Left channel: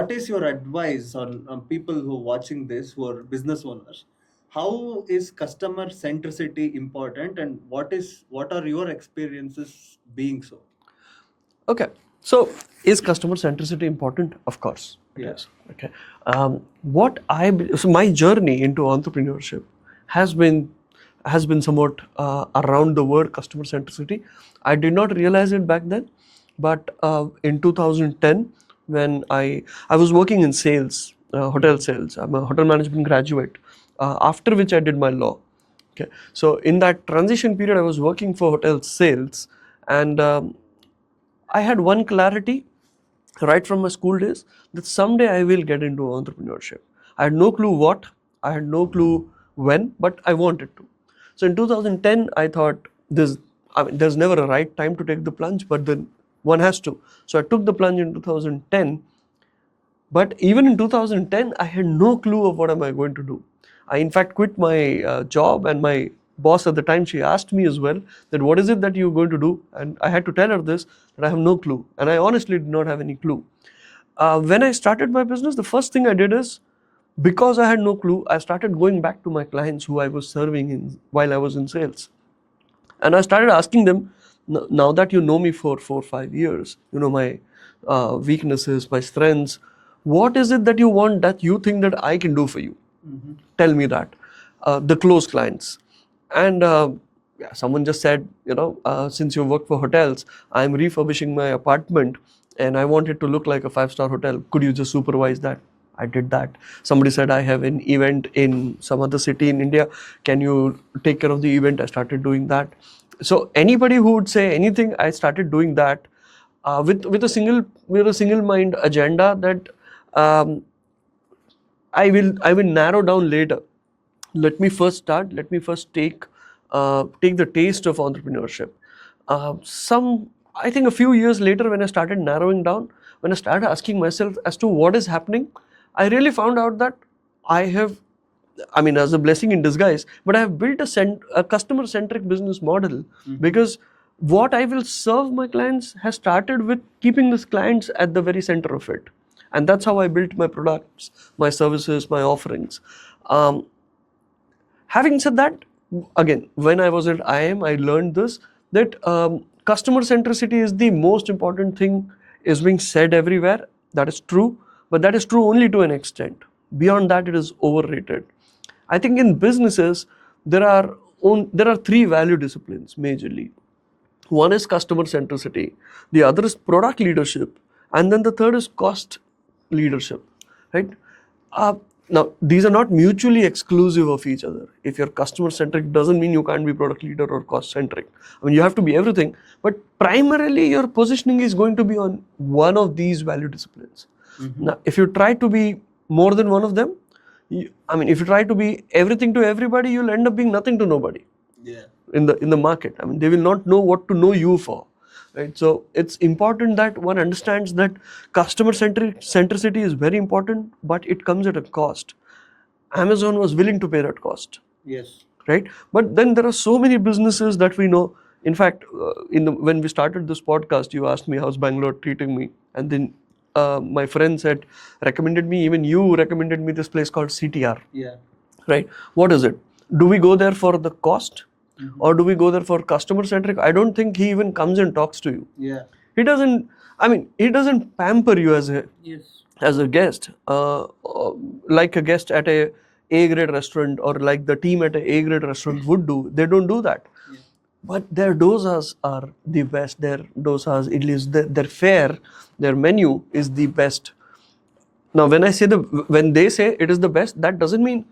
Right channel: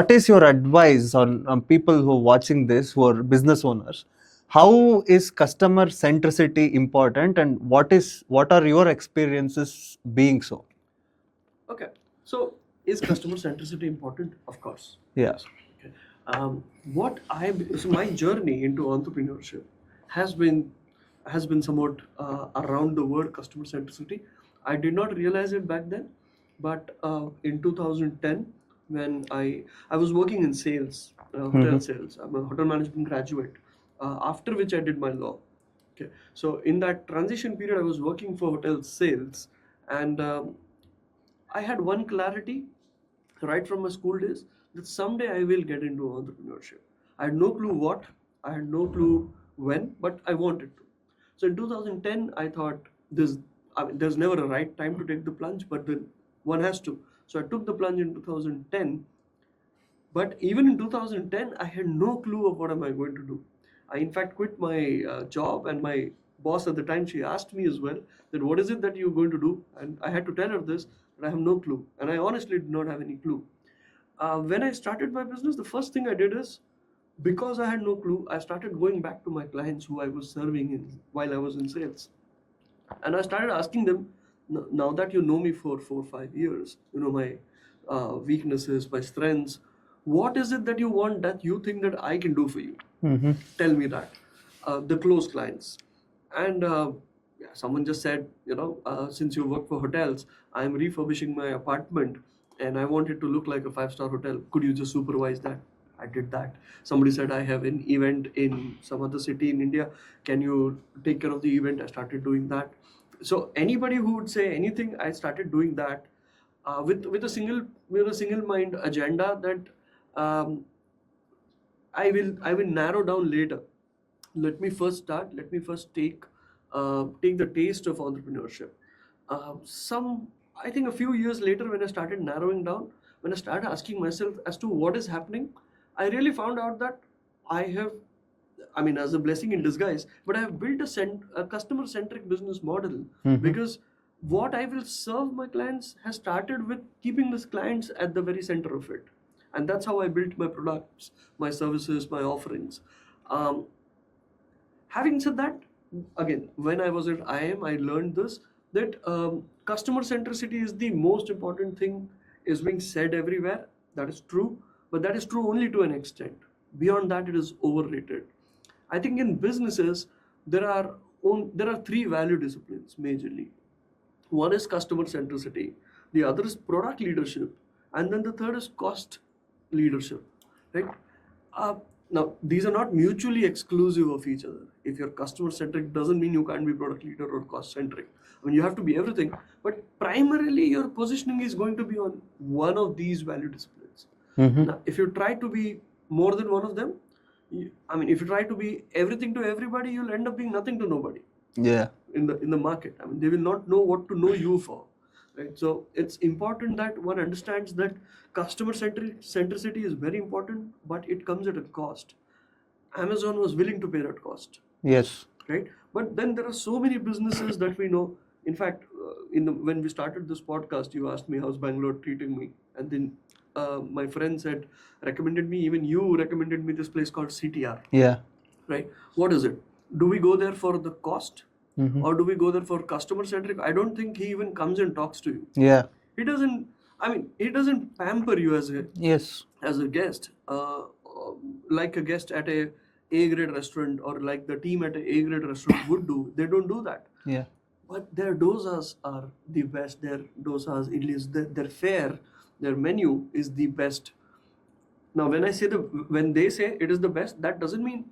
What is your advice on people who are watching this, who are business owners? How is customer centricity important, and what are your experiences being so? Okay, so is customer centricity important? Of course. Yeah. Yes. Okay. So my journey into entrepreneurship has been somewhat around the word customer centricity. I did not realize it back then, but in 2010, when I was working in sales, hotel sales. I'm a hotel management graduate. After which I did my law. Okay, so in that transition period, I was working for hotel sales, and I had one clarity right from my school days that someday I will get into entrepreneurship. I had no clue what, I had no clue when, but I wanted to. So in 2010, I thought there's never a right time to take the plunge, but then one has to. So I took the plunge in 2010. But even in 2010, I had no clue of what am I going to do. I in fact quit my job, and my boss at the time, she asked me as well that what is it that you're going to do, and I had to tell her this that I have no clue, and I honestly did not have any clue. When I started my business, the first thing I did is, because I had no clue, I started going back to my clients who I was serving while I was in sales, and I started asking them, now that you know me for 4 or 5 years, you know my weaknesses, my strengths, what is it that you want that you think that I can do for you? Tell me that. The close clients. And yeah, someone just said, since you work for hotels, I'm refurbishing my apartment and I want it to look like a 5-star hotel. Could you just supervise that? I did that. Somebody said, I have an event in some other city in India. Can you take care of the event? I started doing that. So anybody who would say anything, I started doing that with a single mind agenda that um, I will narrow down later. Let me first start. Let me first take the taste of entrepreneurship. I think a few years later, when I started narrowing down, when I started asking myself as to what is happening, I really found out that I have, I mean, as a blessing in disguise, but I have built a customer-centric business model because what I will serve my clients has started with keeping these clients at the very center of it. And that's how I built my products, my services, my offerings. Um, Having said that, again, when I was at IIM, I learned this that customer centricity is the most important thing, is being said everywhere. That is true, but that is true only to an extent. Beyond that, it is overrated. I think in businesses there are three value disciplines majorly. One is customer centricity, the other is product leadership, and then the third is cost leadership. Right? Uh, Now, these are not mutually exclusive of each other. If you're customer centric, doesn't mean you can't be product leader or cost centric. I mean, you have to be everything, but primarily your positioning is going to be on one of these value disciplines. Now, if you try to be more than one of them, if you try to be everything to everybody, you'll end up being nothing to nobody. Yeah. In the market. I mean, they will not know what to know you for. Right? So it's important that one understands that customer centricity is very important, but it comes at a cost. Amazon was willing to pay that cost. Yes. Right? But then there are so many businesses that we know. In fact, when we started this podcast, you asked me how's Bangalore treating me, and then my friend recommended me, even you recommended me this place called CTR. Yeah. Right? What is it? Do we go there for the cost? Or do we go there for customer centric? I don't think he even comes and talks to you. Yeah. He doesn't pamper you as a guest, like a guest at a A-grade restaurant, or like the team at a A-grade restaurant would do. They don't do that. Yeah. But their dosas are the best. Their dosas, idlis, their fare, their menu is the best. Now, when they say it is the best, that doesn't mean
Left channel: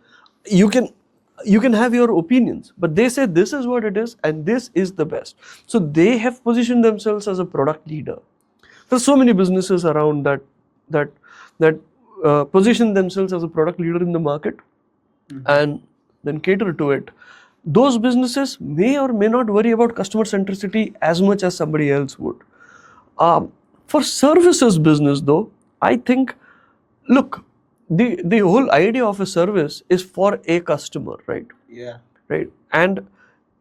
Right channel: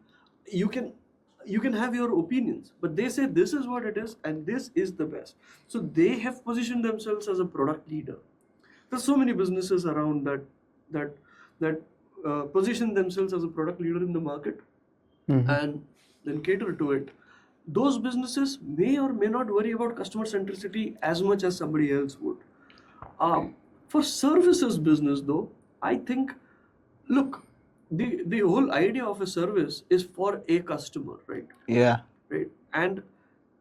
you can have your opinions, but they say this is what it is and this is the best. So they have positioned themselves as a product leader. There's so many businesses around that position themselves as a product leader in the market and then cater to it. Those businesses may or may not worry about customer centricity as much as somebody else would. For services business, though, I think, look, the whole idea of a service is for a customer, right? Yeah. Right. And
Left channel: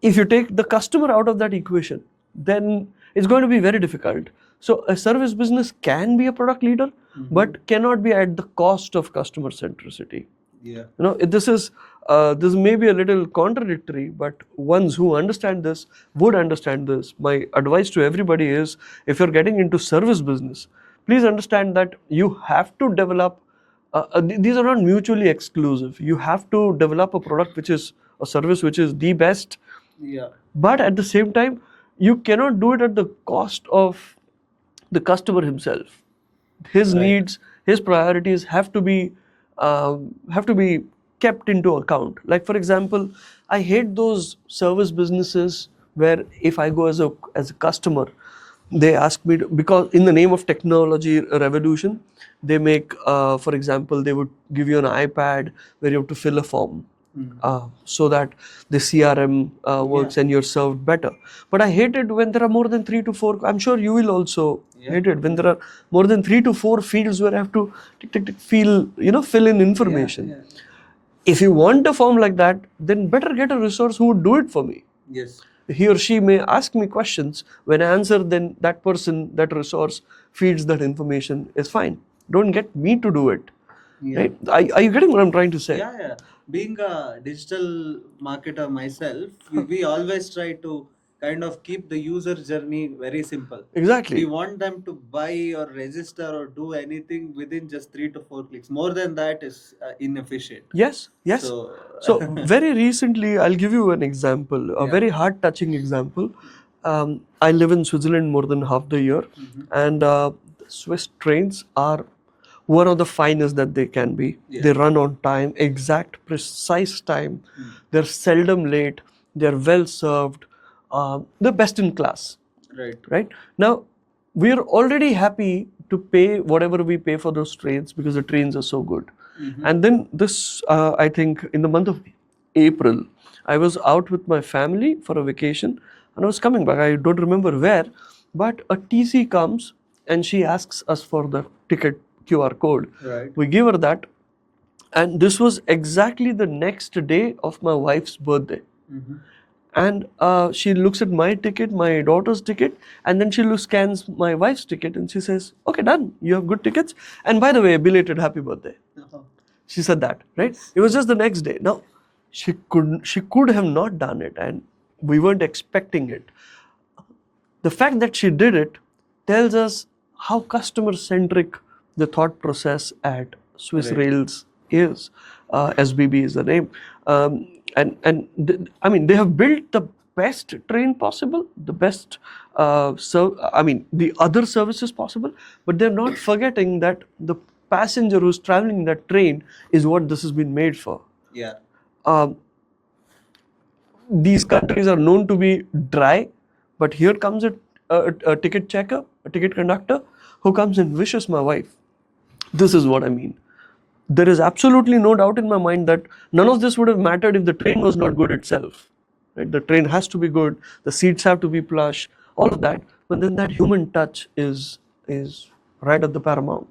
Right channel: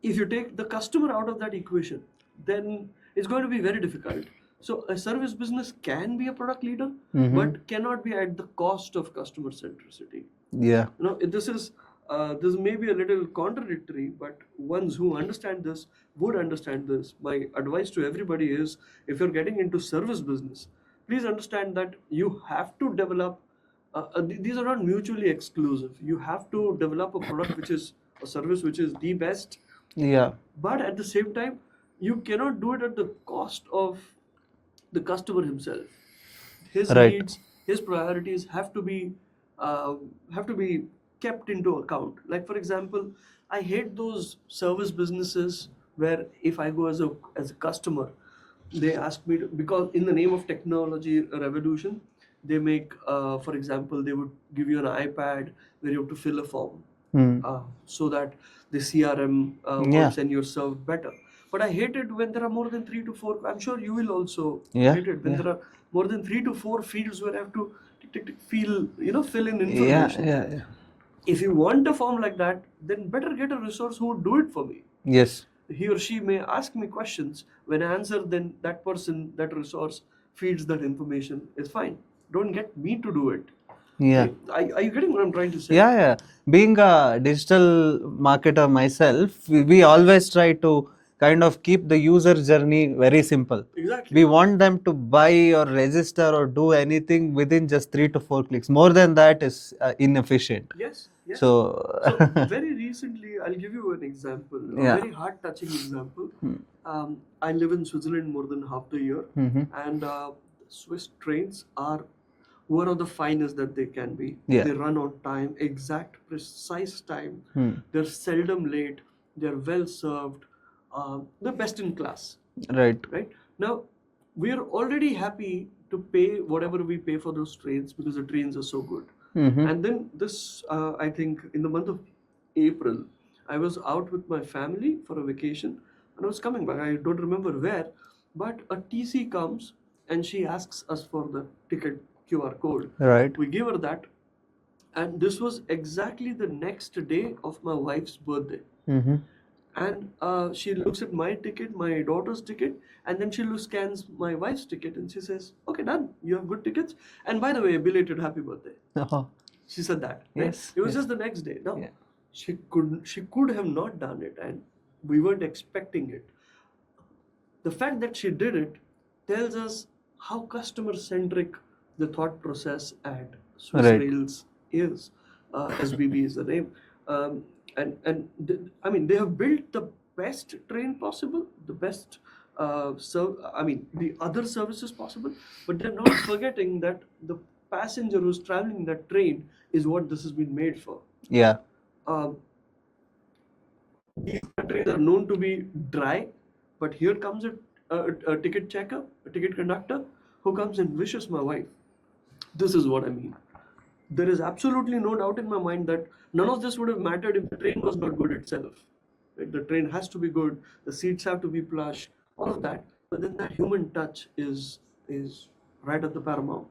if you take the customer out of that equation, then it's going to be very difficult. So a service business can be a product leader, but cannot be at the cost of customer centricity. Yeah. This may be a little contradictory, but ones who understand this would understand this. My advice to everybody is, if you're getting into service business, please understand that you have to develop. These are not mutually exclusive. You have to develop a product which is a service which is the best, Yeah. but at the same time, you cannot do it at the cost of the customer himself. His Right. needs, his priorities have to be kept into account. Like for example, I hate those service businesses where if I go as a customer, they ask me to, because in the name of technology revolution, they make, for example, they would give you an iPad where you have to fill a form. So that the CRM works and you're served better. But I hate it when there are more than 3 to 4. I'm sure you will also hate it when there are more than 3 to 4 fields where I have to fill in information. Yeah. If you want a form like that, then better get a resource who would do it for me. Yes. He or she may ask me questions. When I answer, then that person, that resource feeds that information is fine. Don't get me to do it. Yeah. Right? Are you getting what I'm trying to say? Yeah. Being a digital marketer myself, we always try to kind of keep the user journey very simple. Exactly. We want them to buy or register or do anything within just 3 to 4 clicks. More than that is inefficient. Yes. So very recently, I'll give you an example, a very heart-touching example. I live in Switzerland more than half the year, and Swiss trains are one of the finest that they can be. They run on time, exact, precise time. They're seldom late. They're well served. They're best in class. Right. Now, we are already happy to pay whatever we pay for those trains because the trains are so good. And then I think in the month of April, I was out with my family for a vacation and I was coming back. I don't remember where, but a TC comes and she asks us for the ticket QR code. Right. We give her that. And this was exactly the next day of my wife's birthday. And she looks at my ticket, my daughter's ticket, and then she scans my wife's ticket and she says, okay, done. You have good tickets. And by the way, belated happy birthday. She said that, right? Yes. It was just the next day. Now, she could have not done it and we weren't expecting it. The fact that she did it tells us how customer-centric the thought process at Swiss Rails is. SBB is the name. They have built the best train possible, the best, the other services possible, but they're not forgetting that the passenger who's traveling that train is what this has been made for. Yeah. These countries are known to be dry, but here comes a ticket checker, a ticket conductor, who comes and wishes my wife. This is what I mean. There is absolutely no doubt in my mind that none of this would have mattered if the train was not good itself. Right? The train has to be good, the seats have to be plush, all of that. But then that human touch is right at the paramount.